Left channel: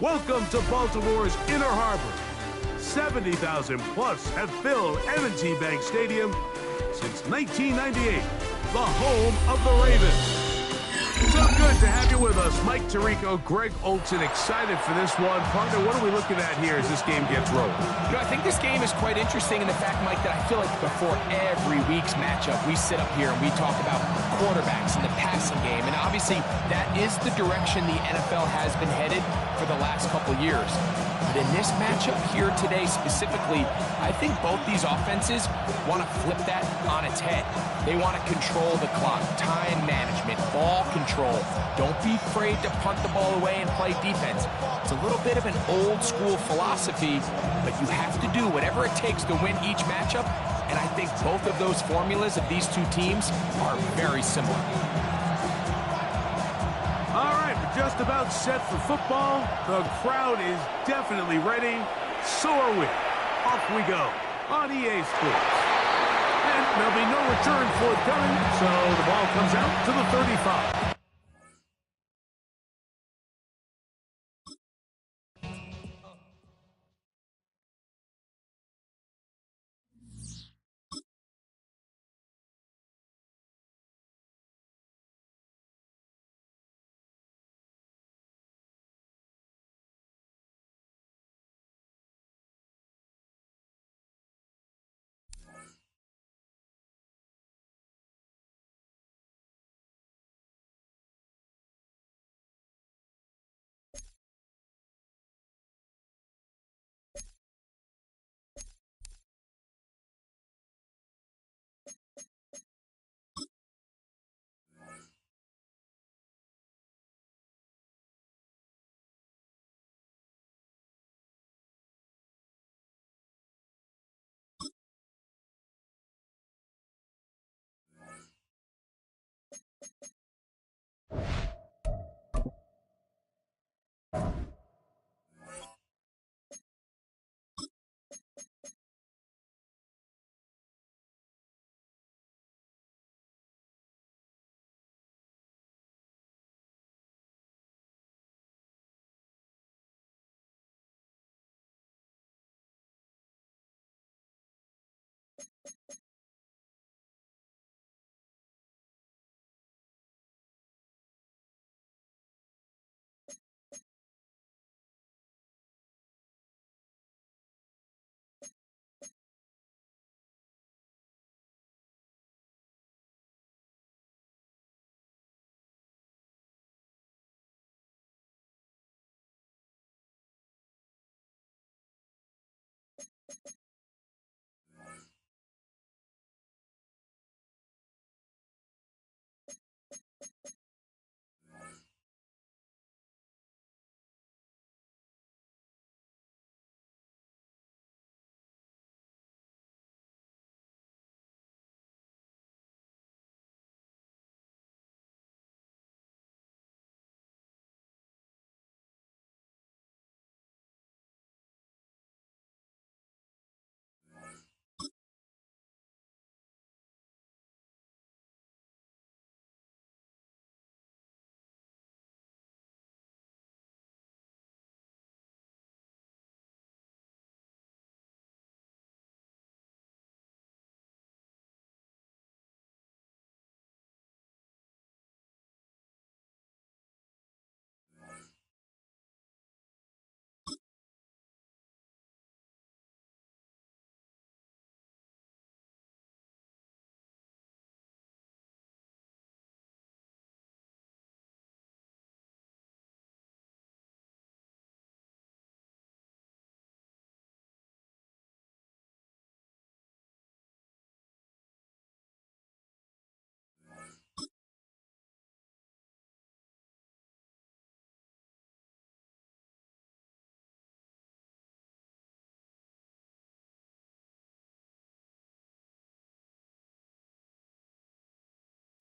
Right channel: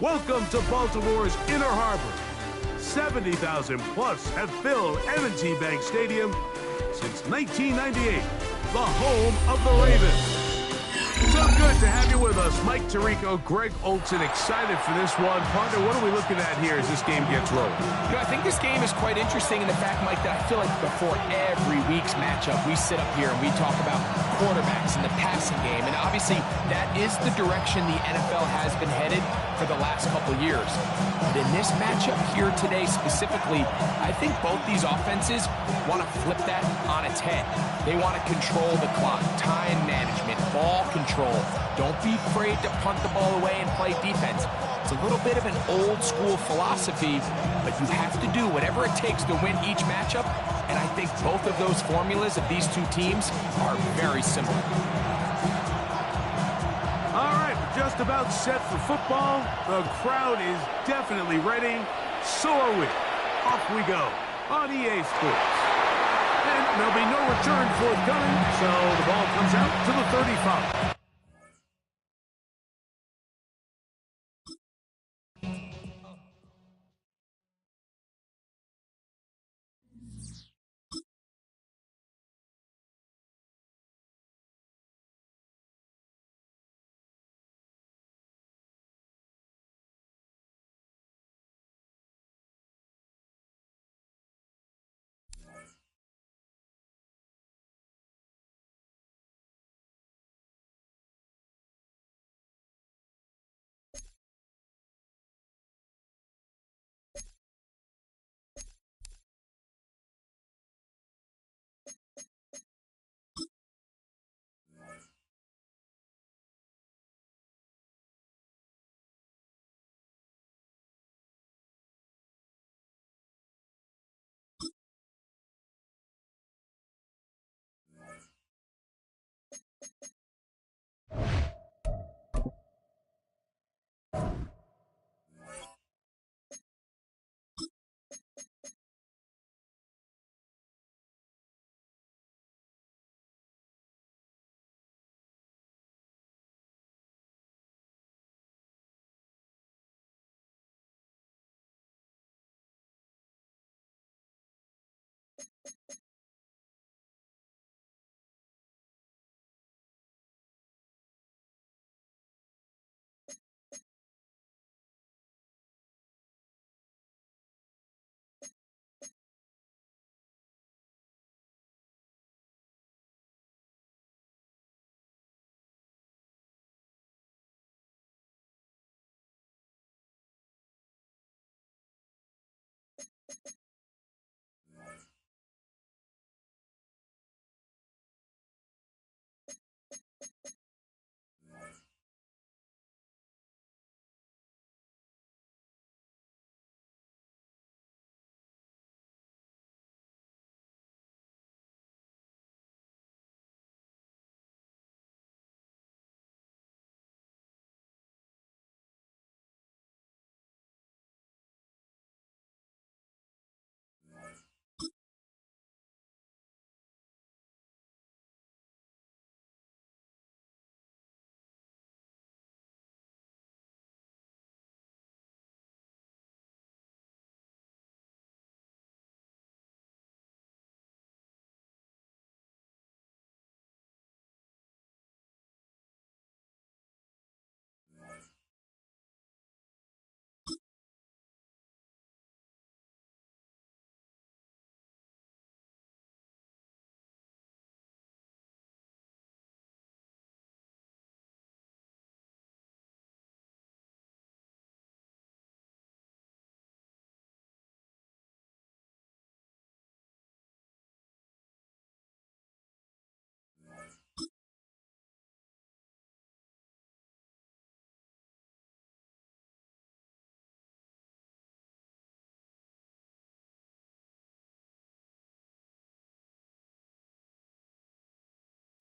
Welcome to Baltimore's Inner Harbor. 70,000 plus have filled M&T Bank Stadium since 1998, the home of the Ravens. So good to have you with us. Mike Tirico, Greg Olsen, excited for this one. Partner, what are we looking at here as this game gets rolling? I think this game is quite interesting in the fact, Mike, that I feel like before every week's matchup, we sit up here and we talk about quarterbacks and the passing game. And obviously, that is the direction the NFL has been headed for the last couple years. But in this matchup here today specifically, I think both these offenses want to flip that on its head. They want to control the clock, time management, ball control. Don't be afraid to punt the ball away and play defense. It's a little bit of an old school philosophy, but you have to do whatever it takes to win each matchup. And I think both of those formulas of these two teams are very similar. All right, we're just about set for football. The crowd is definitely ready. So are we. Off we go on EA Sports. And there'll be no return forthcoming, so the ball comes out to the 35.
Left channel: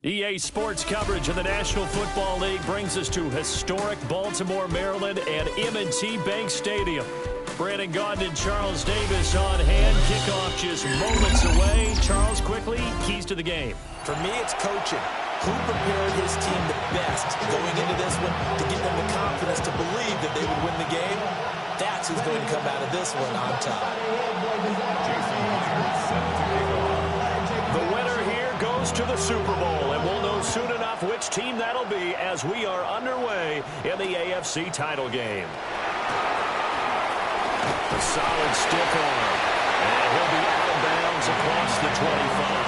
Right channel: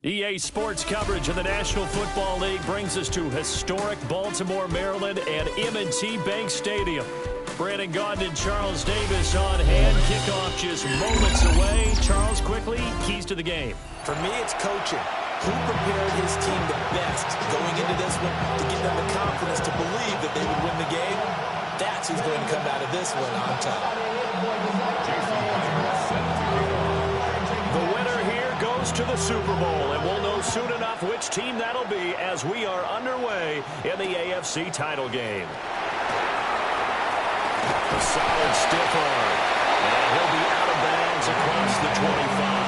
EA Sports coverage of the National Football League brings us to historic Baltimore, Maryland, and M&T Bank Stadium. Brandon Gaudin and Charles Davis on hand. Kickoff just moments away. Charles, quickly, keys to the game. For me, it's coaching. who prepared his team the best going into this one to give them the confidence to believe that they would win the game? That's who's going to come out of this one on top. The winner here goes to the Super Bowl, and we'll know soon enough which team that'll be as we are underway in the AFC title game. A solid stiff arm, and he'll be out of bounds across the 25.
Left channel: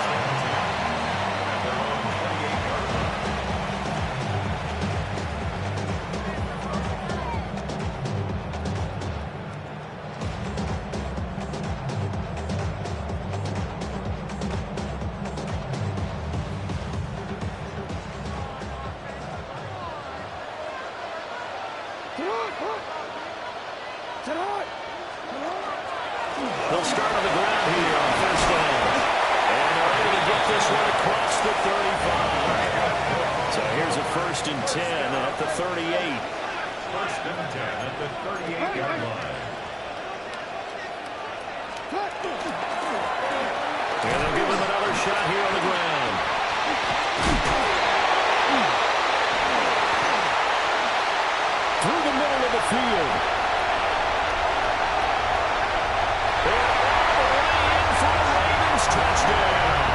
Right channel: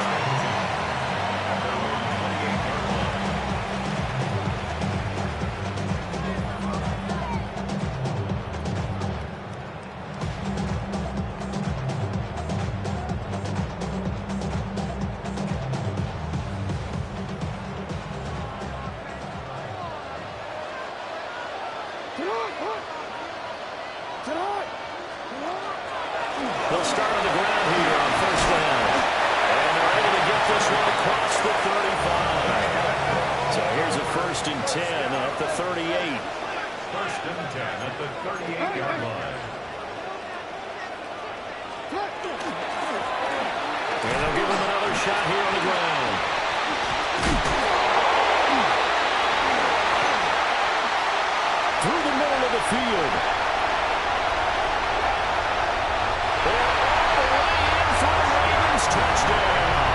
They'll start on the ground here on first down. And they're able to get this one across the 35. So here's a 1st and 10 at the 38. 1st and 10 at the 38-yard line. And they'll give him another shot here on the ground. Through the middle of the field. And all the way in for a Ravens touchdown.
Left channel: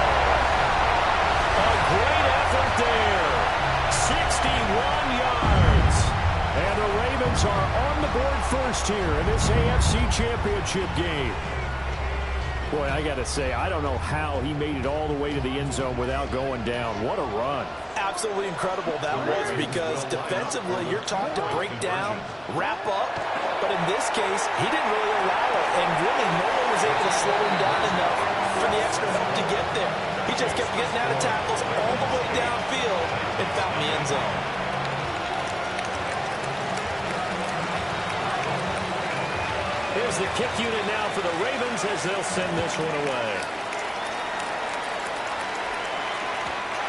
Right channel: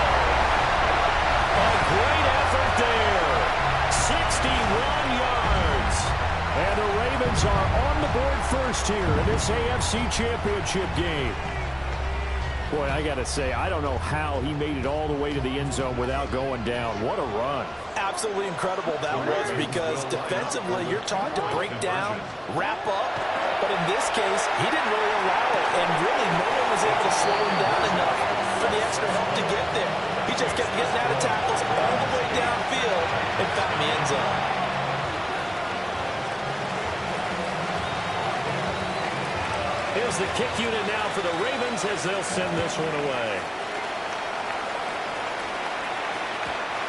A great effort there. 61 yards. And the Ravens are on the board first here in this AFC Championship game. Boy, I got to say, I don't know how he made it all the way to the end zone without going down. What a run. Absolutely incredible that was, because defensively you're taught to break down, wrap up, but in this case he didn't really allow it, and really no one was able to slow him down enough for the extra help to get there. He just kept getting out of tackles all the way downfield and found the end zone. Here's the kick unit now for the Ravens as they'll send this one away.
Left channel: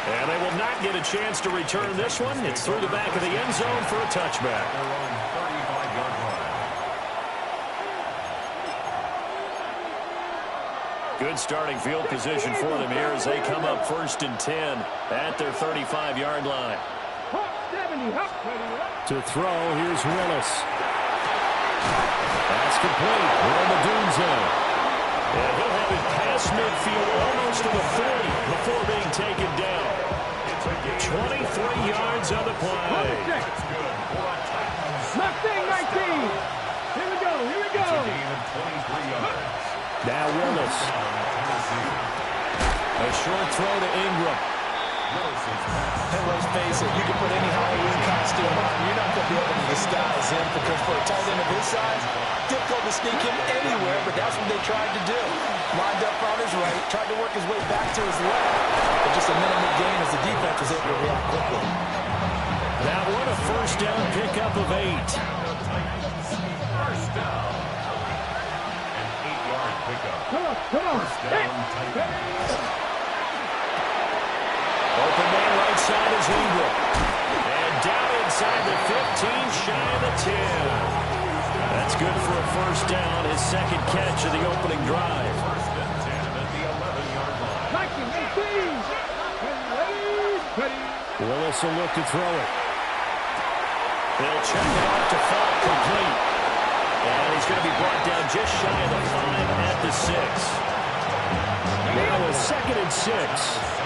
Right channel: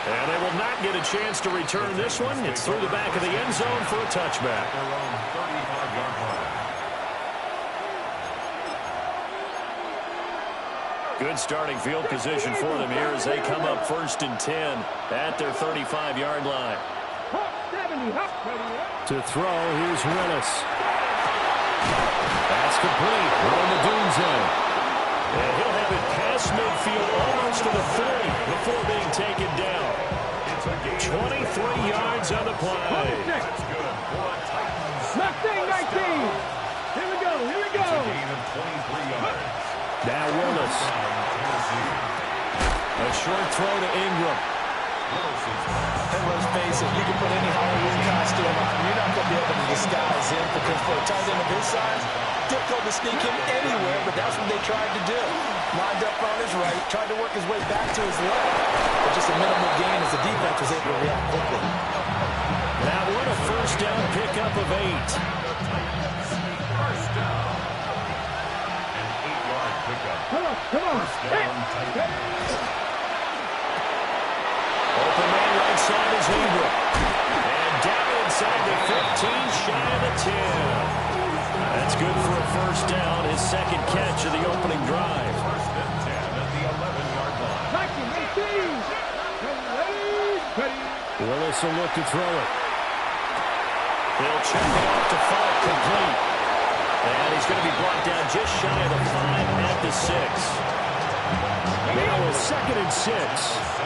And they will not get a chance to return this one. It's through the back of the end zone for a touchback. Their own 35-yard line. Good starting field position for them here as they come up 1st and 10 at their 35-yard line. To throw, here's Willis. That's complete. We're on the Dunzo. And he'll have it past midfield almost to the 40 before being taken down. 23 yards on the play. That's good for a Titans. Mustang 19. Here we go. Here we go. It's a gain of 23 yards. Now Willis. A short throw to Ingram. And let's face it, you can put any Halloween costume on, you're not going to be able to disguise him, because for a tight end of his size, difficult to sneak him anywhere, but that's what they tried to do. Lined up on his right, tried to work his way back to his left, but just a minimal gain as the defense was able to react quickly. That one a first down pickup of 8. First down. An 8-yard pickup. Come on. First down, Titans. Open man right side is Ingram. And down inside the 15, shy of the 10. That's good for a first down, his second catch of the opening drive. 1st and 10 at the 11-yard line. 19, 18. Willis will look to throw it. They'll check it off to Falk, complete. And he's going to be brought down just shy of the 5 at the 6. Now it's 2nd and 6.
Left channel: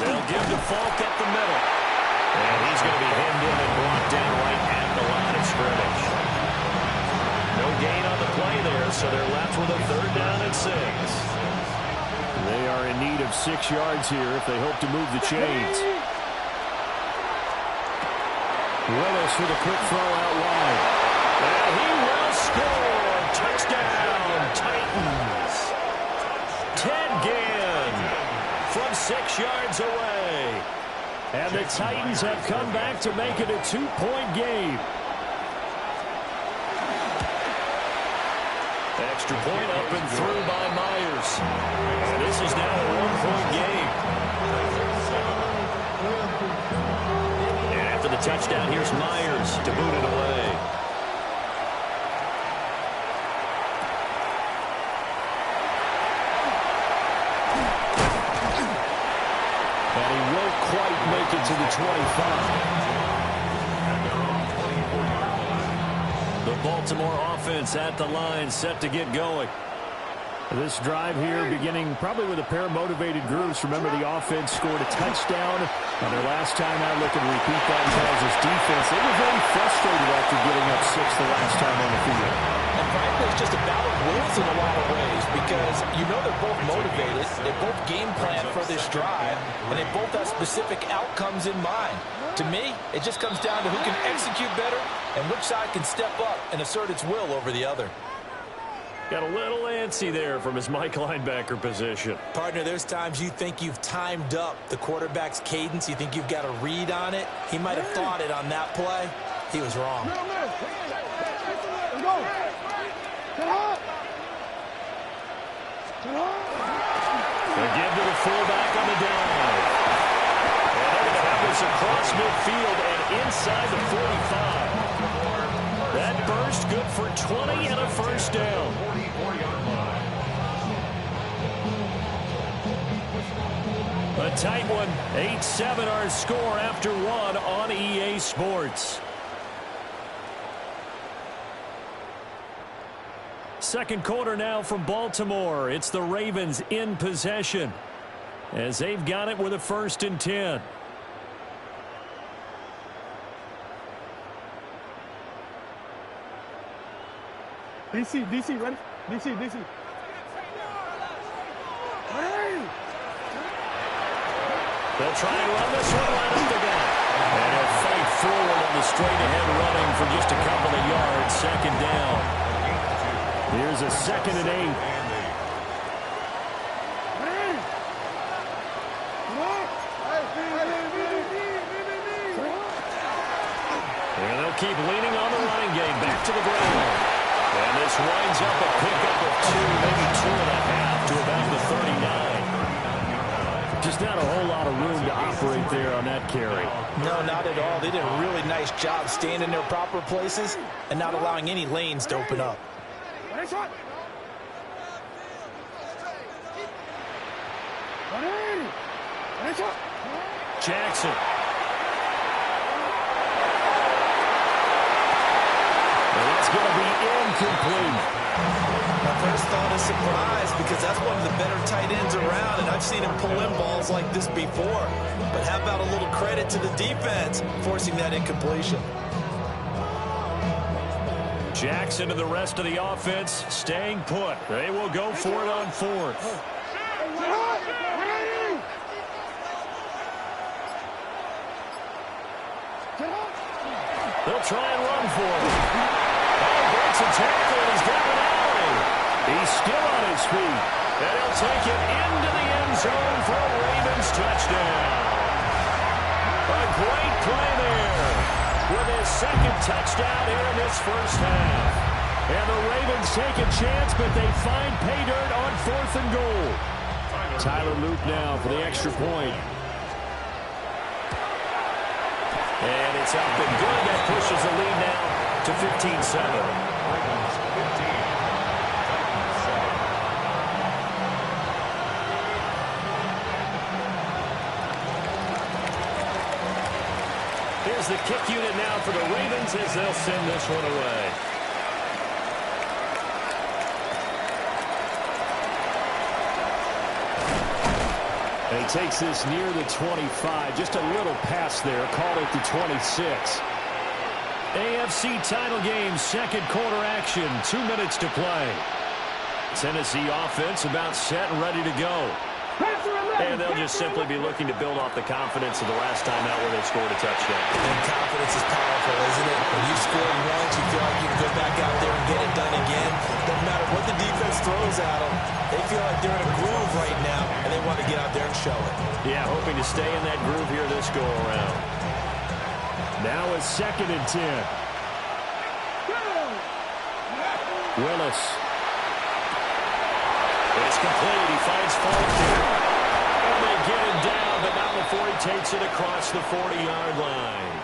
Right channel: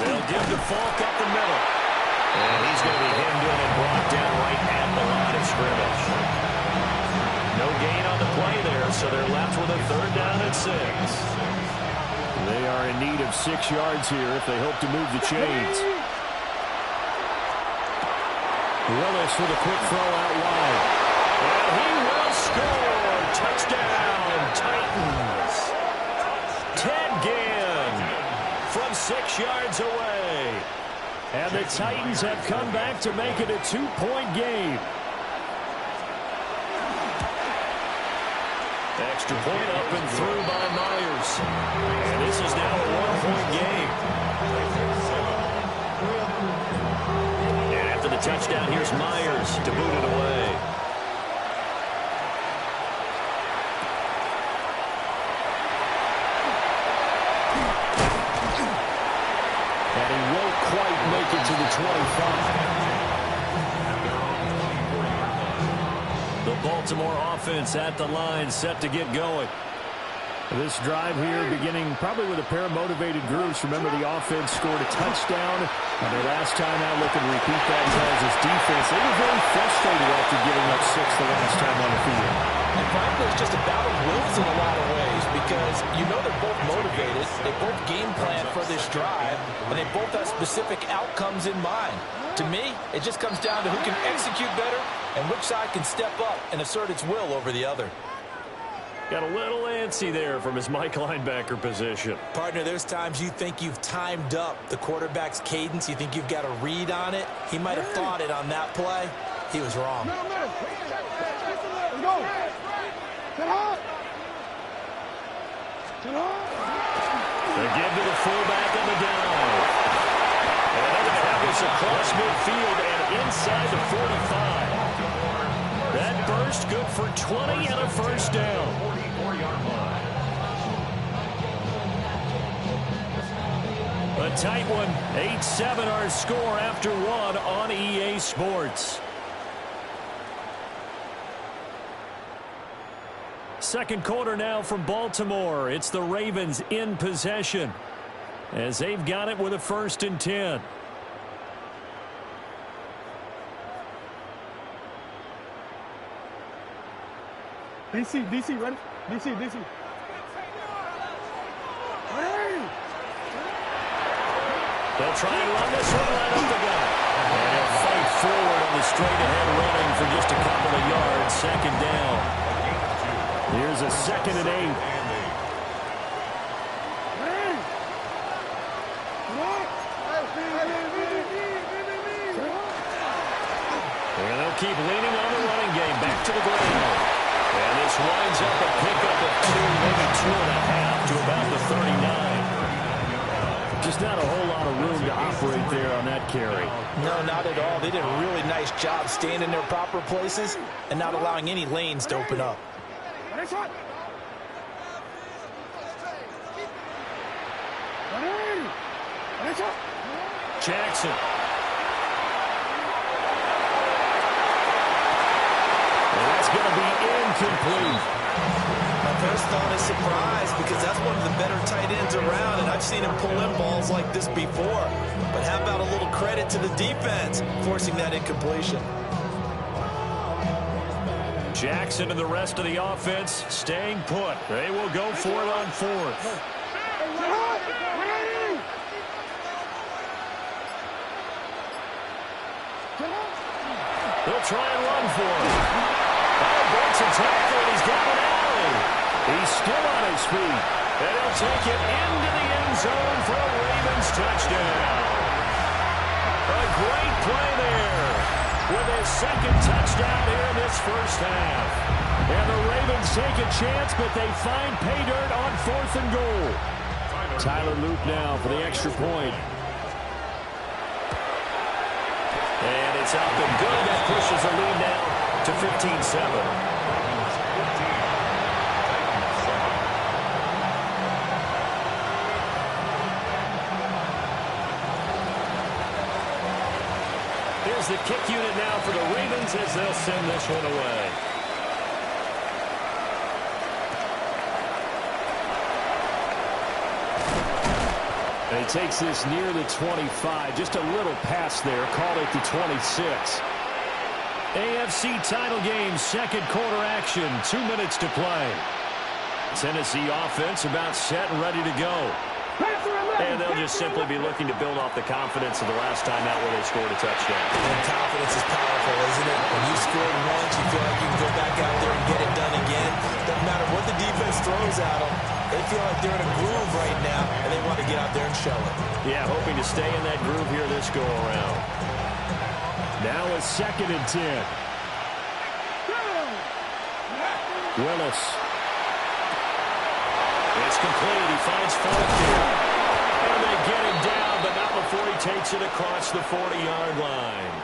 They'll give to Falk up the middle. And he's going to be hemmed in and brought down right at the line of scrimmage. No gain on the play there, so they're left with a 3rd down and 6. They are in need of 6 yards here if they hope to move the chains. Willis with a quick throw out wide. And he will score. Touchdown, Titans. Ted Ginn from 6 yards away. And the Titans have come back to make it a 2-point game. Extra point up and through by Myers. And this is now a 1-point game. And after the touchdown, here's Myers to boot it away. quite make it to the 25. The Baltimore offense at the line, set to get going. This drive here beginning probably with a pair of motivated groups. Remember, the offense scored a touchdown on their last time out. Looking to repeat that as well as his defense. They were very frustrated after giving up 6 the last time on the field. And frankly, it's just a battle of wills in a lot of ways because you know they're both motivated. They both game plan for this drive, and they both have specific outcomes in mind. To me, it just comes down to who can execute better and which side can step up and assert its will over the other. Got a little antsy there from his Mike linebacker position. Partner, there's times you think you've timed up the quarterback's cadence. You think you've got a read on it. He might have thought it on that play. He was wrong. Go. The give to the fullback on the dive. And they're going to have this across midfield and inside the 45. That burst good for 20 and a first down. 44-yard line. A tight one. 8-7 our score after one on EA Sports. Second quarter now from Baltimore. It's the Ravens in possession as they've got it with a 1st and 10. DC, ready? DC. Hey! They'll try and run this one right up the gut. And he'll fight forward on the straight-ahead running for just a couple of yards. 2nd down. Here's a 2nd and 8. And they'll keep leaning on the running game. Back to the ground. And this winds up a pickup of 2, maybe 2.5 to about the 39. Just not a whole lot of room to operate there on that carry. No, not at all. They did a really nice job staying in their proper places and not allowing any lanes to open up. Jackson. And that's going to be incomplete. My first thought is surprise because that's one of the better tight ends around, and I've seen him pull in balls like this before. But how about a little credit to the defense forcing that incompletion? Jackson and the rest of the offense staying put. They will go for it on 4th. They'll try and run for him. Oh, breaks a tackle, and he's got an alley. He's still on his feet. And he'll take it into the end zone for a Ravens touchdown. A great play there with his 2nd touchdown here in this first half. And the Ravens take a chance, but they find pay dirt on 4th and goal. Tyler Luke now for the extra point. And it's up and good. That pushes the lead now to 15-7. Here's the kick unit now for the Ravens as they'll send this one away. And he takes this near the 25. Just a little pass there. Call it the 26. AFC title game, 2nd quarter action. 2 minutes to play. Tennessee offense about set and ready to go. And they'll just simply be looking to build off the confidence of the last time out where they scored a touchdown. And confidence is powerful, isn't it? When you scored once, you feel like you can go back out there and get it done again. Doesn't matter what the defense throws at them. They feel like they're in a groove right now, and they want to get out there and show it. Yeah, hoping to stay in that groove here this go-around. Now a 2nd and 10. Willis. It's complete. He finds Falk. And they get him down, but not before he takes it across the 40-yard line.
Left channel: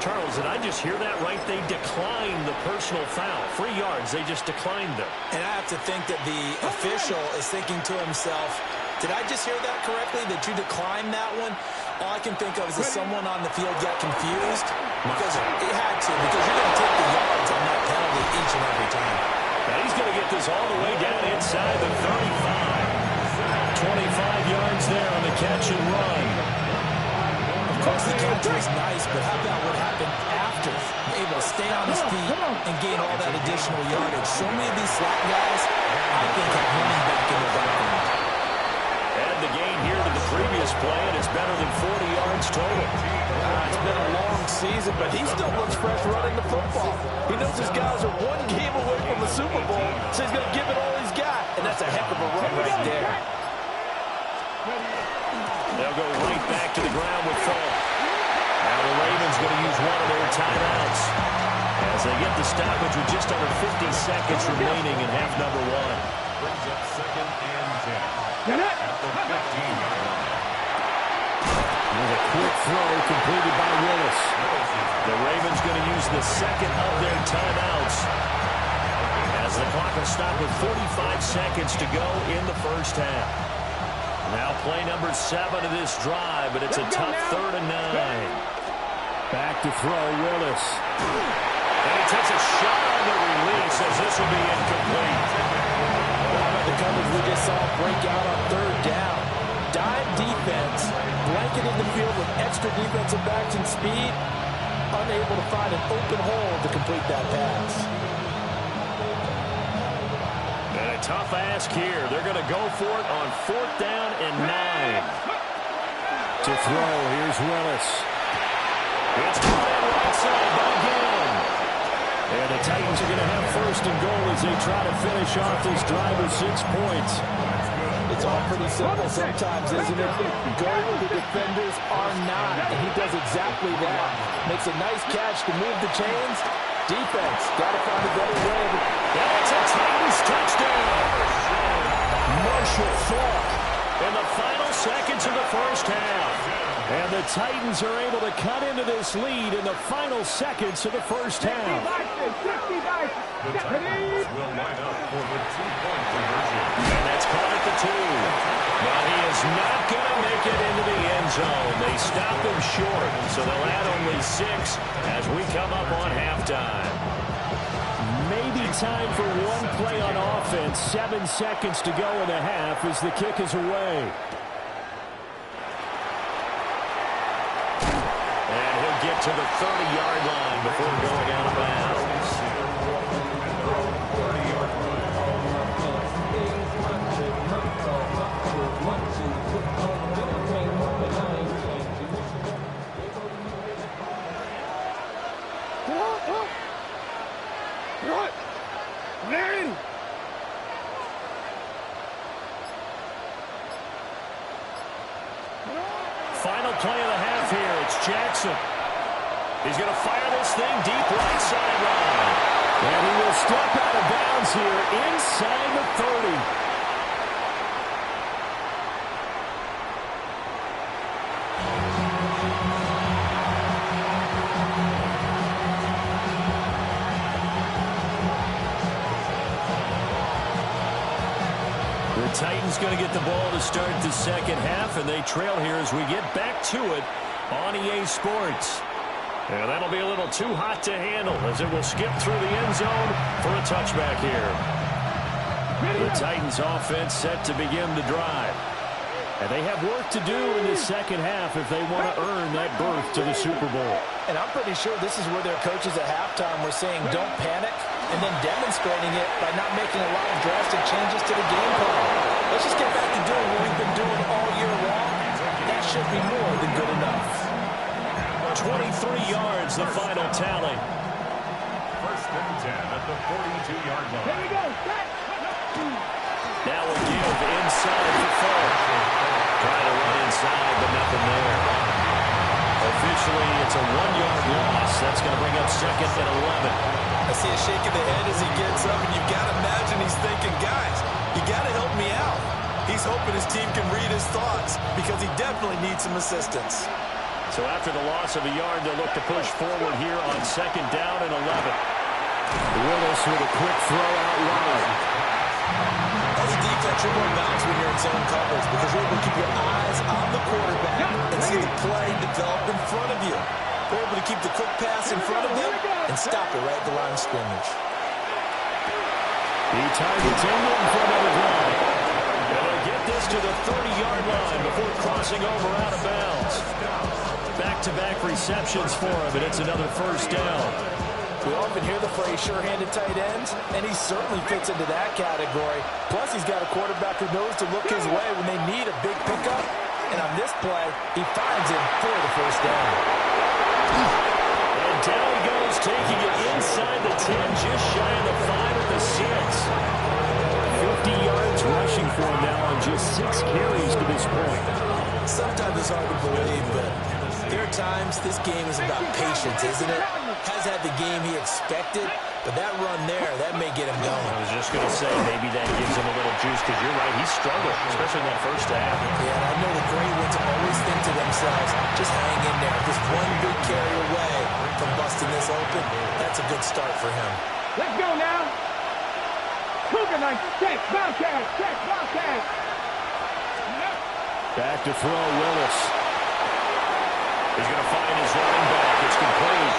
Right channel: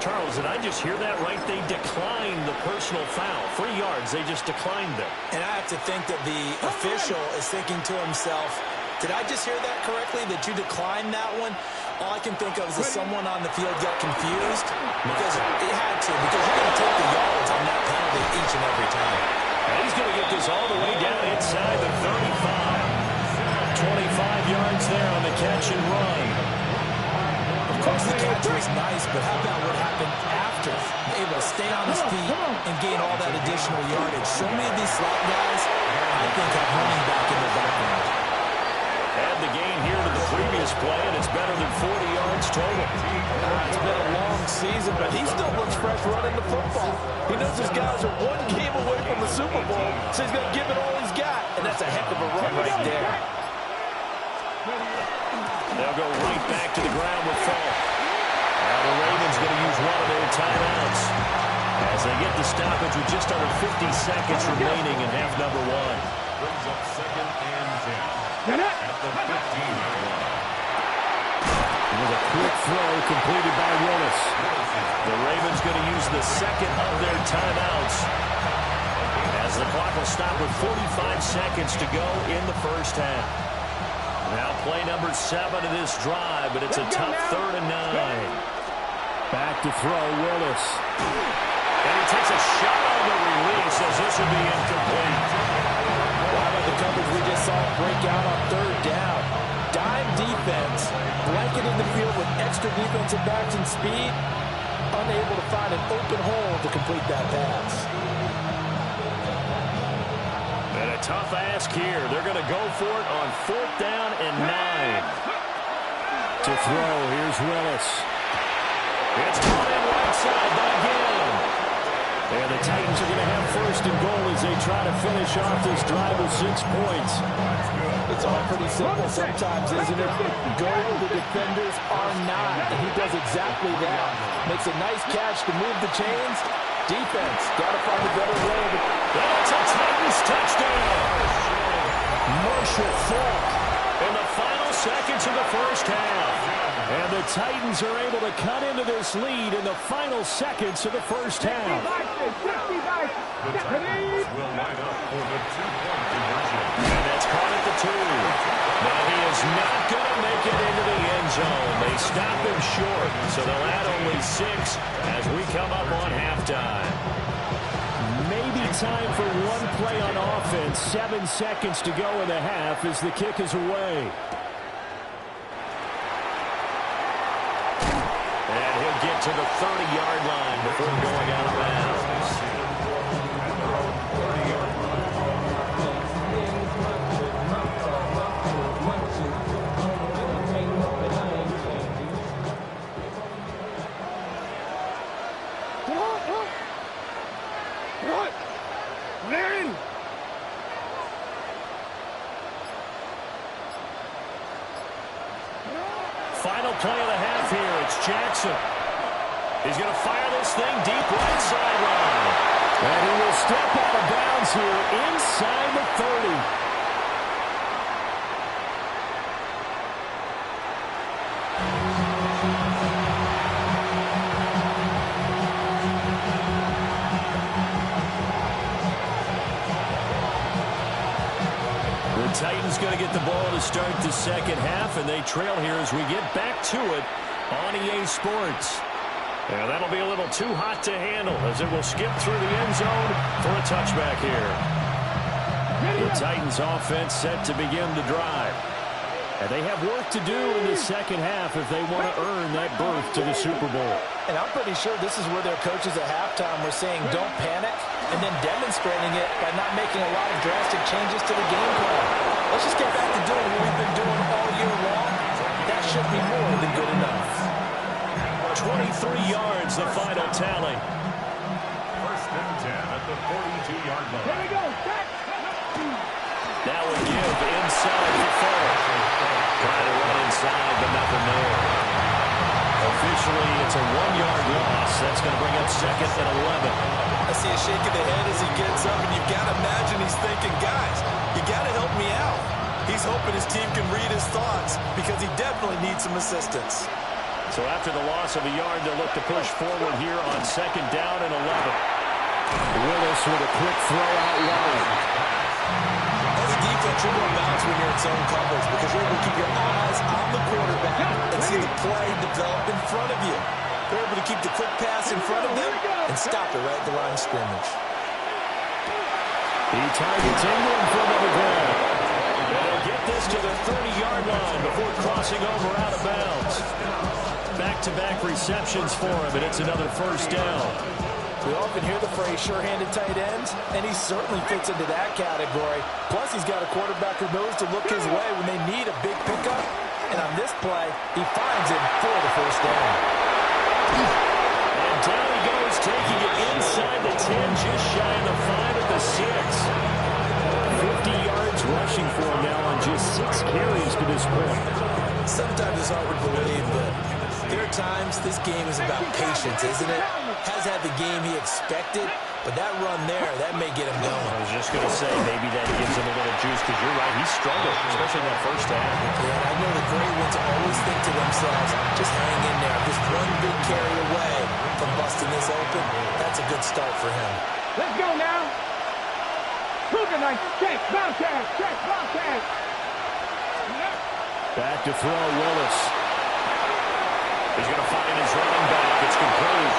Charles, did I just hear that right? They declined the personal foul. 3 yards, they just declined them. And I have to think that the official is thinking to himself, Did I just hear that correctly, that you declined that one? All I can think of is that someone on the field got confused because it had to, because you're going to take the yards on that penalty each and every time. Now he's going to get this all the way down inside the 35. 25 yards there on the catch and run. Of course, the catch was nice, but how about what happened after? Able to stay on his feet and gain all that additional yardage. So many of these slot guys, I think, have running back in their background. Add the gain here to the previous play, and it's better than 40 yards total. It's been a long season, but he still looks fresh running the football. He knows his guys are one game away from the Super Bowl, so he's going to give it all he's got, and that's a heck of a run right there. They'll go right back to the ground with Falk. Now the Ravens going to use one of their timeouts as they get the stoppage with just under 50 seconds remaining in half number one. Brings up 2nd and 10 at the 15-yard line. It was a quick throw completed by Willis. The Ravens going to use the second of their timeouts as the clock will stop with 45 seconds to go in the first half. Now play number 7 of this drive, but it's a tough 3rd and 9. Back to throw, Willis. And he takes a shot on the release as this would be incomplete. Well, how about the coverage we just saw break out on 3rd down? Dime defense, blanketed the field with extra defensive backs and speed, unable to find an open hole to complete that pass. And a tough ask here. They're going to go for it on 4th down and 9. To throw, here's Willis. It's caught in right side by Ginn. And the Titans are going to have 1st and goal as they try to finish off this drive with 6 points. It's all pretty simple sometimes, isn't it? Go where the defenders are not, and he does exactly that. Makes a nice catch to move the chains. Defense, got to find a better way. That's a Titans touchdown. Marshall Faulk In the final seconds of the first half. And the Titans are able to cut into this lead in the final seconds of the first half. The Titans will line up for the 2-point conversion. And that's caught at the 2. But he is not going to make it into the end zone. They stop him short, so they'll add only 6 as we come up on halftime. Maybe time for one play on offense. 7 seconds to go in the half as the kick is away. And he'll get to the 30-yard line before going out of bounds. Final play of the half here. It's Jackson. He's going to fire this thing deep right sideline. And he will step out of bounds here inside the 30. The Titans going to get the ball to start the second half, and they trail here as we get back to it on EA Sports. And that'll be a little too hot to handle as it will skip through the end zone for a touchback here. The Titans offense set to begin the drive. And they have work to do in the second half if they want to earn that berth to the Super Bowl. And I'm pretty sure this is where their coaches at halftime were saying don't panic, and then demonstrating it by not making a lot of drastic changes to the game plan. Let's just get back to doing what we've been doing all year long. That should be more than good enough. 23 yards, the final tally. 1st and 10 at the 42-yard line. Here we go. Now a give inside for Falk. Trying to run inside, but nothing there. Officially, it's a 1-yard loss. That's going to bring up 2nd and 11. I see a shake of the head as he gets up, and you've got to imagine he's thinking, guys, you got to help me out. He's hoping his team can read his thoughts because he definitely needs some assistance. So after the loss of a yard, they'll look to push forward here on 2nd down and 11. Willis with a quick throw out wide. As he defense, you're more balanced when you're in zone coverage because you're able to keep your eyes on the quarterback and see the play develop in front of you. They're able to keep the quick pass in front of them and stop it right at the line of scrimmage. He targets Ingram for another grab. And he'll get this to the 30-yard line before crossing over out of bounds. Back-to-back receptions for him, and it's another first down. We often hear the phrase sure-handed tight ends, and he certainly fits into that category. Plus, he's got a quarterback who knows to look his way when they need a big pickup. And on this play, he finds him for the first down. And down he goes, taking it inside the 10, just shy of the 5 at the 6. 50 yards rushing for him now on just 6 carries to this point. Sometimes it's hard to believe, but there are times this game is about patience, isn't it? Has had the game he expected, but that run there, that may get him going. I was just going to say, maybe that gives him a little juice, because you're right, he struggled, especially in that first half. Yeah, and I know the great ones always think to themselves, just hang in there. Just one big carry away from busting this open, that's a good start for him. Let's go now. Cougar night. Check, Bobcat. Check, Bobcat. Back to throw, Willis. He's going to find his running back. It's complete.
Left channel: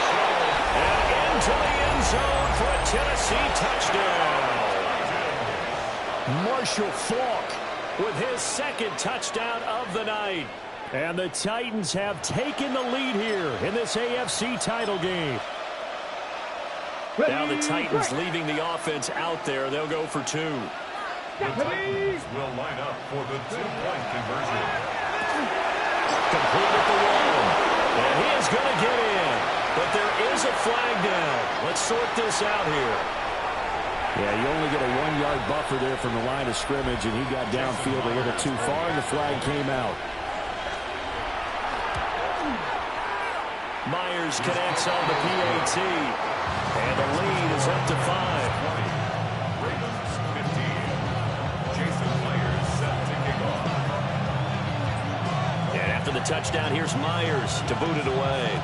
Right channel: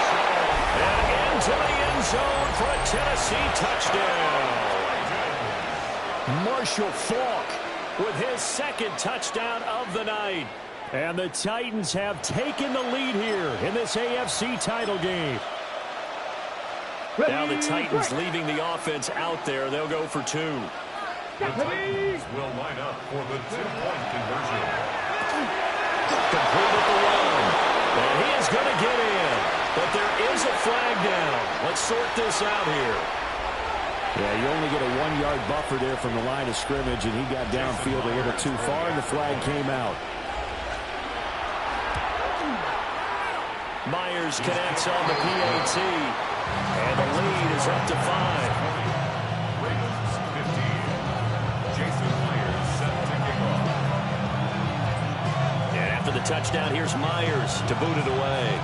And into the end zone for a Tennessee touchdown. Marshall Faulk with his second touchdown of the night. And the Titans have taken the lead here in this AFC title game. Now the Titans leaving the offense out there. They'll go for 2. The Titans will line up for the 2-point conversion. Complete at the 1. And he is going to get in. But there is a flag down. Let's sort this out here. Yeah, you only get a 1-yard buffer there from the line of scrimmage, and he got downfield a little too far, and the flag came out. Myers connects on the PAT. And the lead is up to 5. Ravens 15. Jason Myers set to kick off. And after the touchdown, here's Myers to boot it away.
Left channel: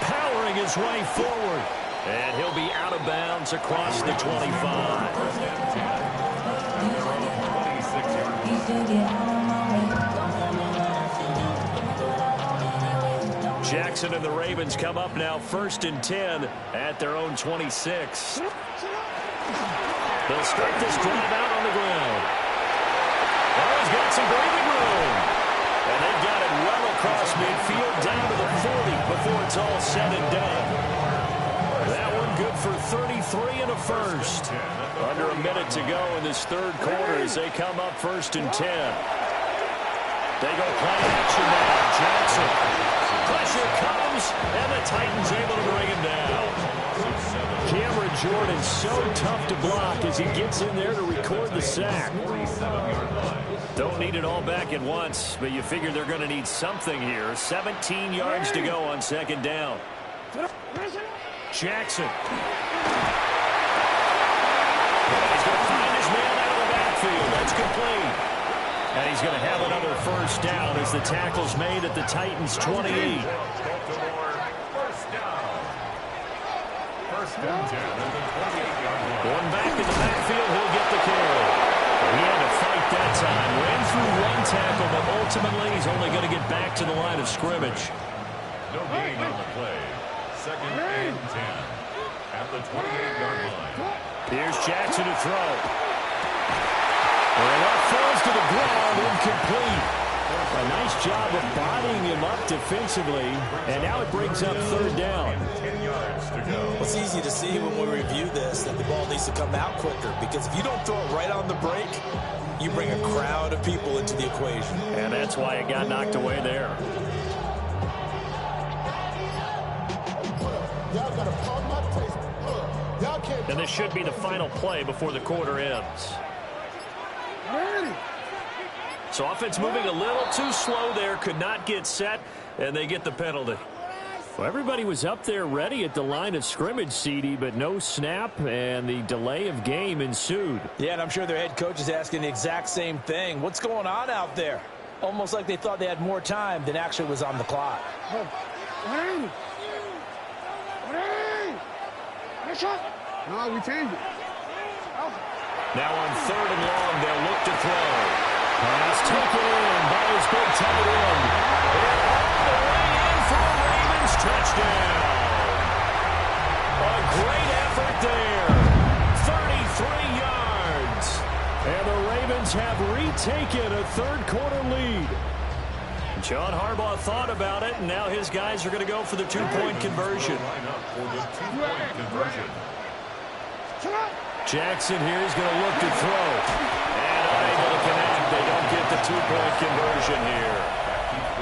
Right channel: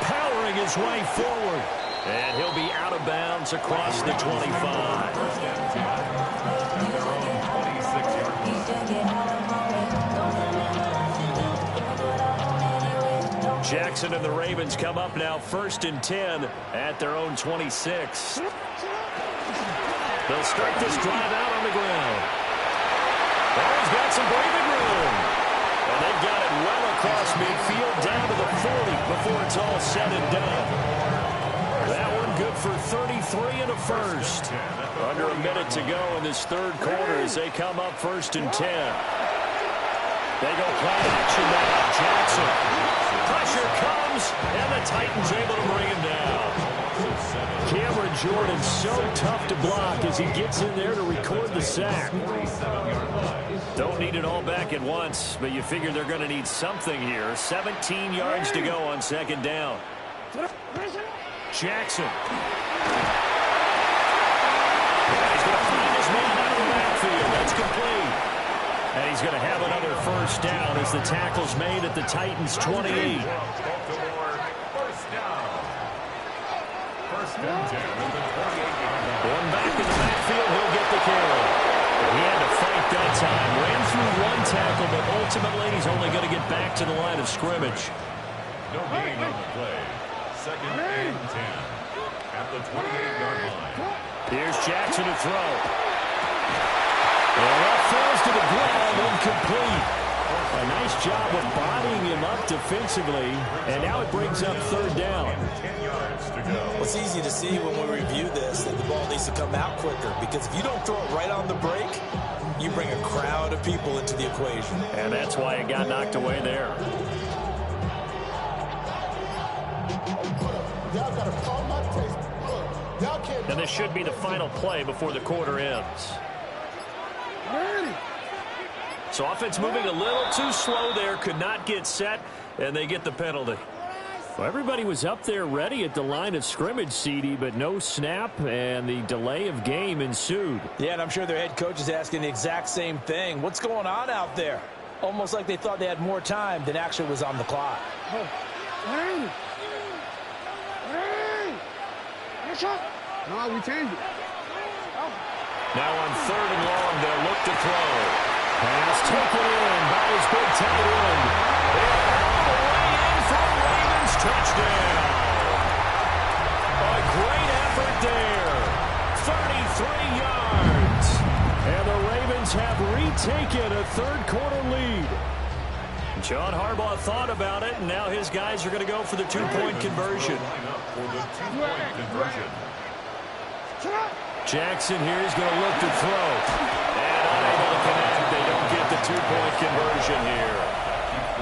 Powering his way forward. And he'll be out of bounds across the 25. Jackson and the Ravens come up now 1st and 10 at their own 26. They'll start this drive out on the ground. Oh, he's got some breathing room. And they've got it well across midfield down to the 40 before it's all said and done. That one good for 33 and a first. Under a minute to go in this third quarter as they come up 1st and 10. They go play action now. Jackson. Pressure comes, and the Titans able to bring him down. Cameron Jordan so tough to block as he gets in there to record the sack. Don't need it all back at once, but you figure they're going to need something here. 17 yards to go on 2nd down. Jackson. And he's going to find his man out of the backfield. That's complete. And he's going to have another first down as the tackle's made at the Titans' 28. First down. 1st and 10 at the 28-yard line. One back in the backfield, he'll get the carry. He had to fight that time. Ran through one tackle, but ultimately he's only going to get back to the line of scrimmage. No gain on the play. 2nd and 10 at the 28-yard line. Here's Jackson to throw. And that falls to the ground, incomplete. A nice job of bodying him up defensively, and now it brings up 3rd down. 10 yards to go. It's easy to see when we review this that the ball needs to come out quicker, because if you don't throw it right on the break, you bring a crowd of people into the equation. And that's why it got knocked away there. And this should be the final play before the quarter ends. So offense moving a little too slow there, could not get set, and they get the penalty. Well, everybody was up there ready at the line of scrimmage, CD, but no snap, and the delay of game ensued. Yeah, and I'm sure their head coach is asking the exact same thing. What's going on out there? Almost like they thought they had more time than actually was on the clock. No, we changed it. Now on 3rd and long, they'll look to throw. Pass taken in by his big tight end. And all the way in for a Ravens touchdown. A great effort there. 33 yards. And the Ravens have retaken a third-quarter lead. John Harbaugh thought about it, and now his guys are going to go for the two-point conversion. Line up for the two-point conversion. Jackson here is going to look to throw. And unable to connect. They don't get the two-point conversion here.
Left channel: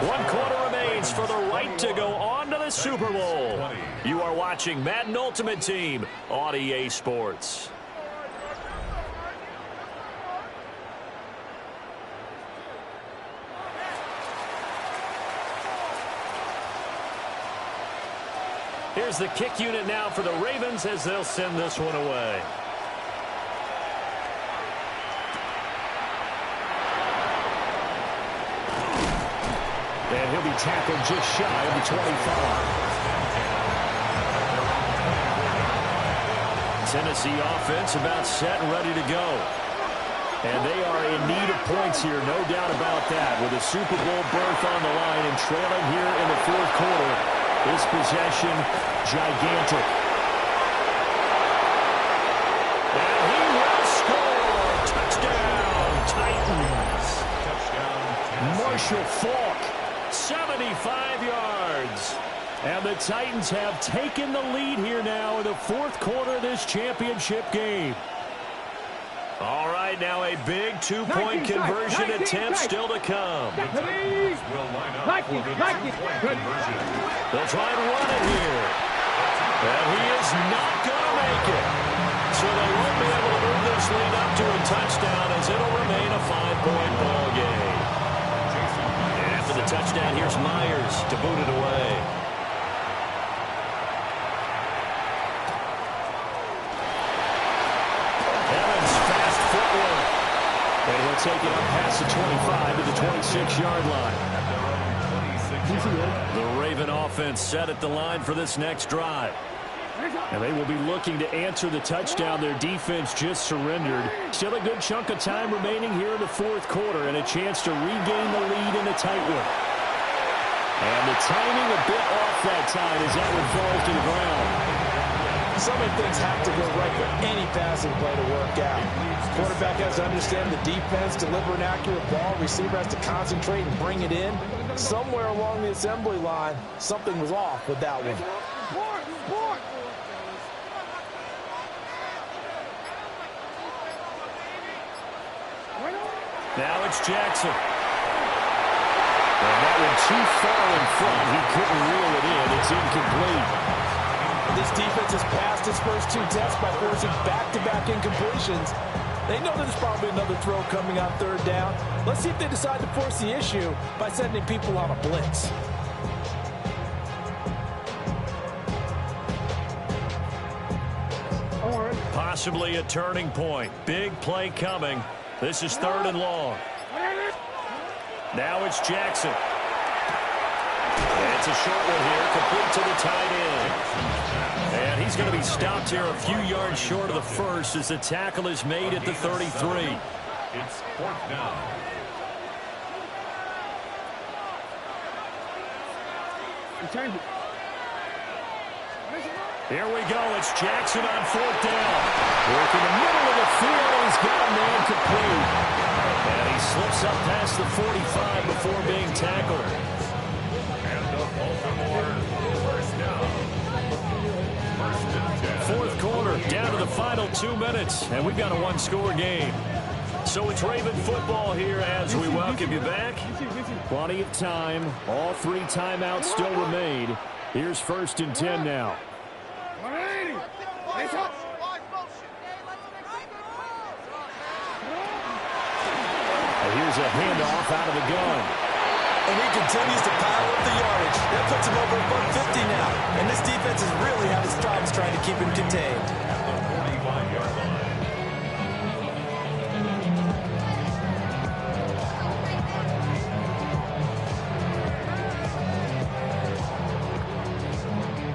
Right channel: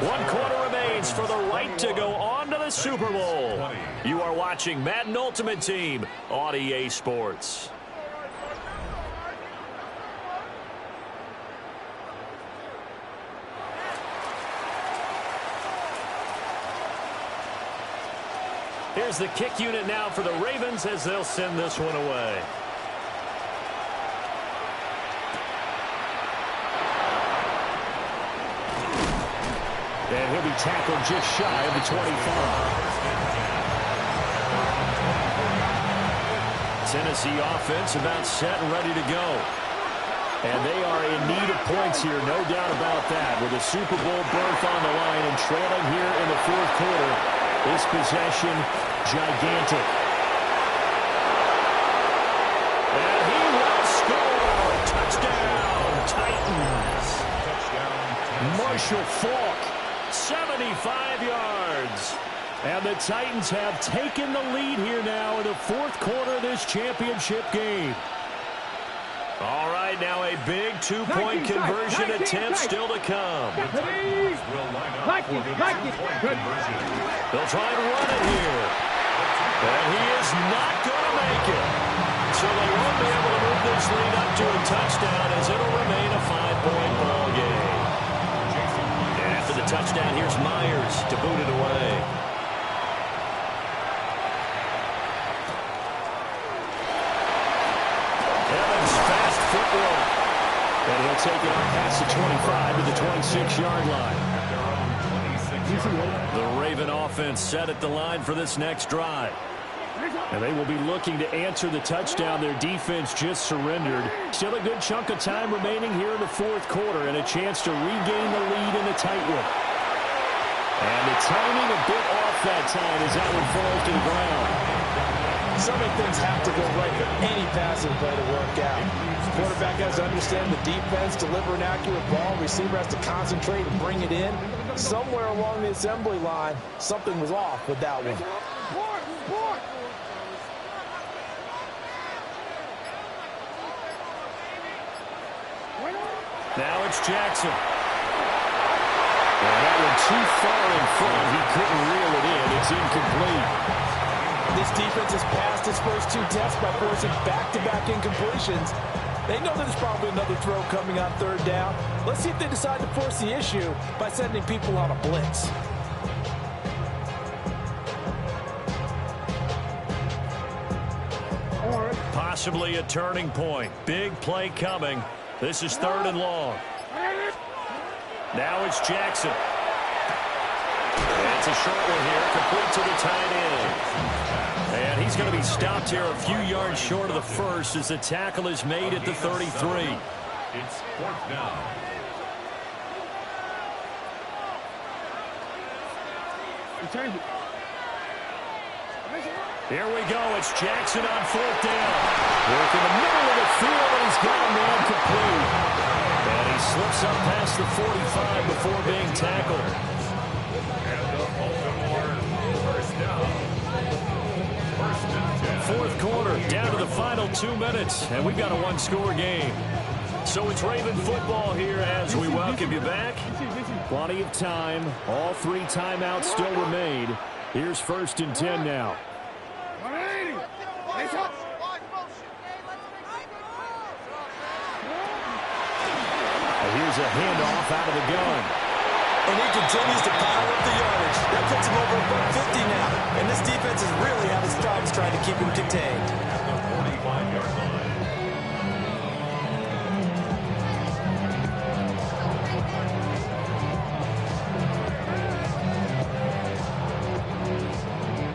1 quarter remains for the right to go on to the Super Bowl. You are watching Madden Ultimate Team on EA Sports. Here's the kick unit now for the Ravens as they'll send this one away. And he'll be tackled just shy of the 25. Tennessee offense about set and ready to go. And they are in need of points here, no doubt about that. With a Super Bowl berth on the line and trailing here in the 4th quarter. This possession, gigantic. And he will score. Touchdown, Titans. Touchdown, Marshall Faulk, 75 yards. And the Titans have taken the lead here now in the 4th quarter of this championship game. All right, now a big two-point conversion attempt still to come. will line up for the two-point conversion. They'll try and run it here. And he is not going to make it. So they won't be able to move this lead up to a touchdown as it'll remain a 5-point ball game. And after the touchdown, here's Myers to boot it away. Evans, fast footwork. And he'll take it up past the 25 to the 26-yard line. At their own 26-yard line. The Raven offense set at the line for this next drive. And they will be looking to answer the touchdown their defense just surrendered. Still a good chunk of time remaining here in the 4th quarter and a chance to regain the lead in a tight one. And the timing a bit off that time as that one falls to the ground. So many things have to go right for any passing play to work out. Quarterback has to understand the defense, deliver an accurate ball. Receiver has to concentrate and bring it in. Somewhere along the assembly line, something was off with that one. Now it's Jackson. And that one too far in front. He couldn't reel it in. It's incomplete. This defense has passed its first 2 tests by forcing back-to-back incompletions. They know that there's probably another throw coming on 3rd down. Let's see if they decide to force the issue by sending people on a blitz. Possibly a turning point. Big play coming. This is 3rd and long. Now it's Jackson. And it's a short one here, complete to the tight end. And he's going to be stopped here a few yards short of the first as the tackle is made at the 33. It's 4th down. Here we go. It's Jackson on 4th down. Work in the middle of the field, and he's got a man complete. And he slips up past the 45 before being tackled. And the Baltimore 1st down. 1st and 10. 4th quarter, down to the final 2 minutes, and we've got a 1-score game. So it's Raven football here as we welcome you back. Plenty of time. All 3 timeouts still remain. Here's 1st and 10 now. Here's a handoff out of the gun. And he continues to pile up the yardage. That puts him over $150 now. And this defense is really having problems trying to keep him contained. At the 45-yard line.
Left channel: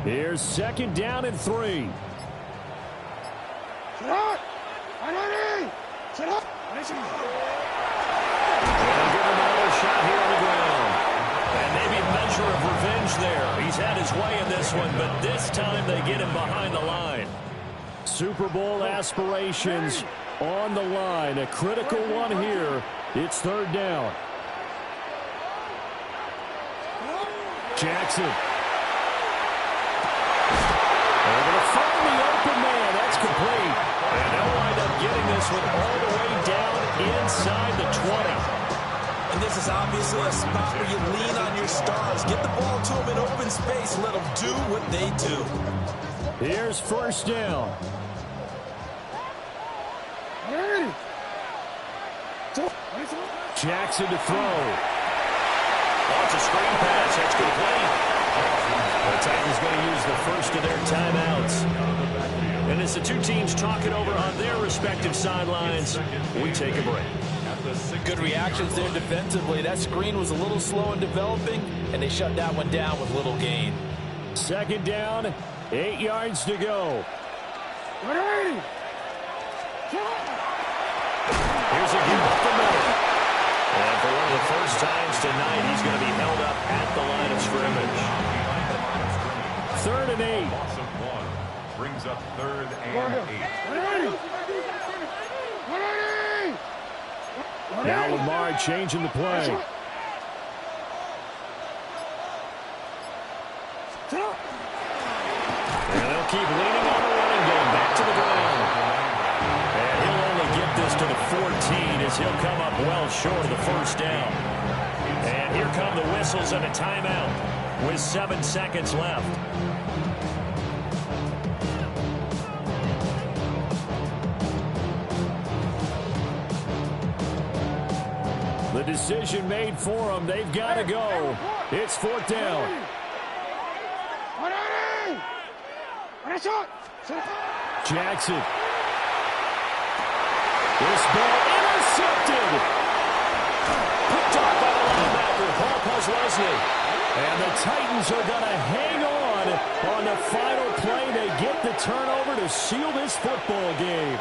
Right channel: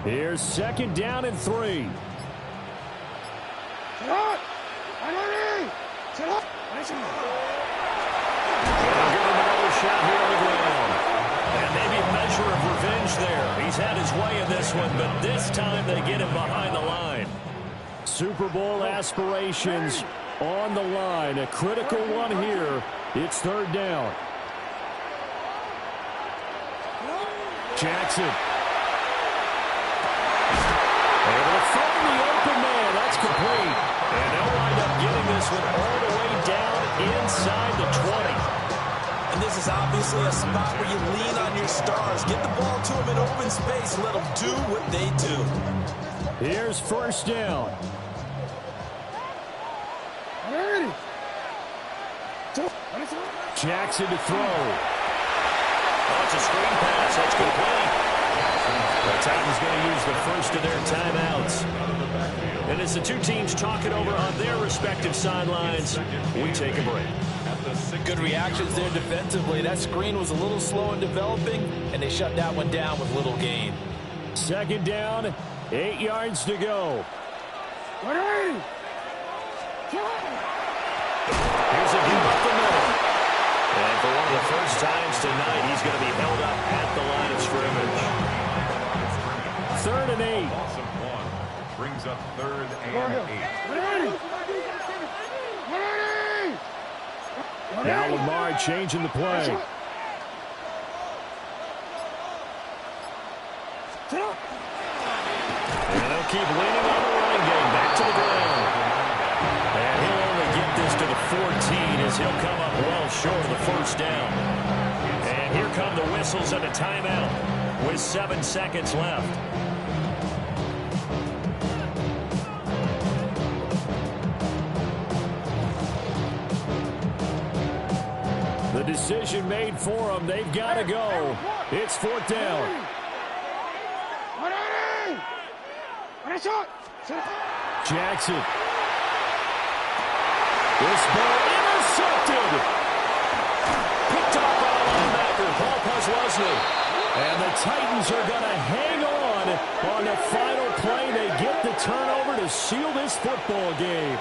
Here's 2nd down and 3. They'll give him another shot here on the ground. And maybe a measure of revenge there. He's had his way in this one, but this time they get him behind the line. Super Bowl aspirations on the line. A critical one here. It's third down. Jackson. Able to find the open man. That's complete. And they'll wind up getting this one all the way down inside the 20. And this is obviously a spot where you lean on your stars. Get the ball to them in open space. Let them do what they do. Here's first down. Jackson to throw. Oh, it's a screen pass. That's complete. The Titans going to use the first of their timeouts. And as the two teams talk it over on their respective sidelines, we take a break. Good reactions there defensively. That screen was a little slow in developing, and they shut that one down with little gain. Second down, 8 yards to go. Here's a give up the middle. And for one of the first times tonight, he's going to be held up at the line of scrimmage. 3rd and 8. Loss of 1 brings up 3rd and 8. Now Lamar changing the play. And they'll keep leaning on the running game. Back to the ground. And he'll only get this to the 14 as he'll come up well short of the first down. And here come the whistles and a timeout with 7 seconds left. The decision made for them. They've got to go. It's 4th down. Jackson. This ball intercepted. Picked off by the linebacker, Paul Posluszny. And the Titans are going to hang on the final play. They get the turnover to seal this football game.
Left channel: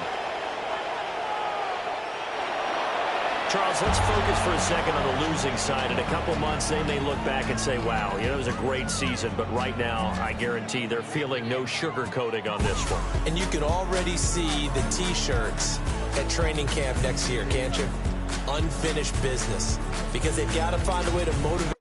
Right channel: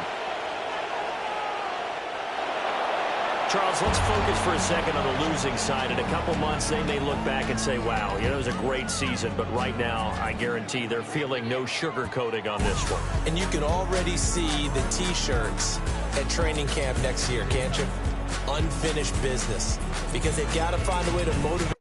Charles, let's focus for a second on the losing side. In a couple months, they may look back and say, wow, it was a great season. But right now, I guarantee they're feeling no sugarcoating on this one. And you can already see the T-shirts at training camp next year, can't you? Unfinished business. Because they've got to find a way to motivate.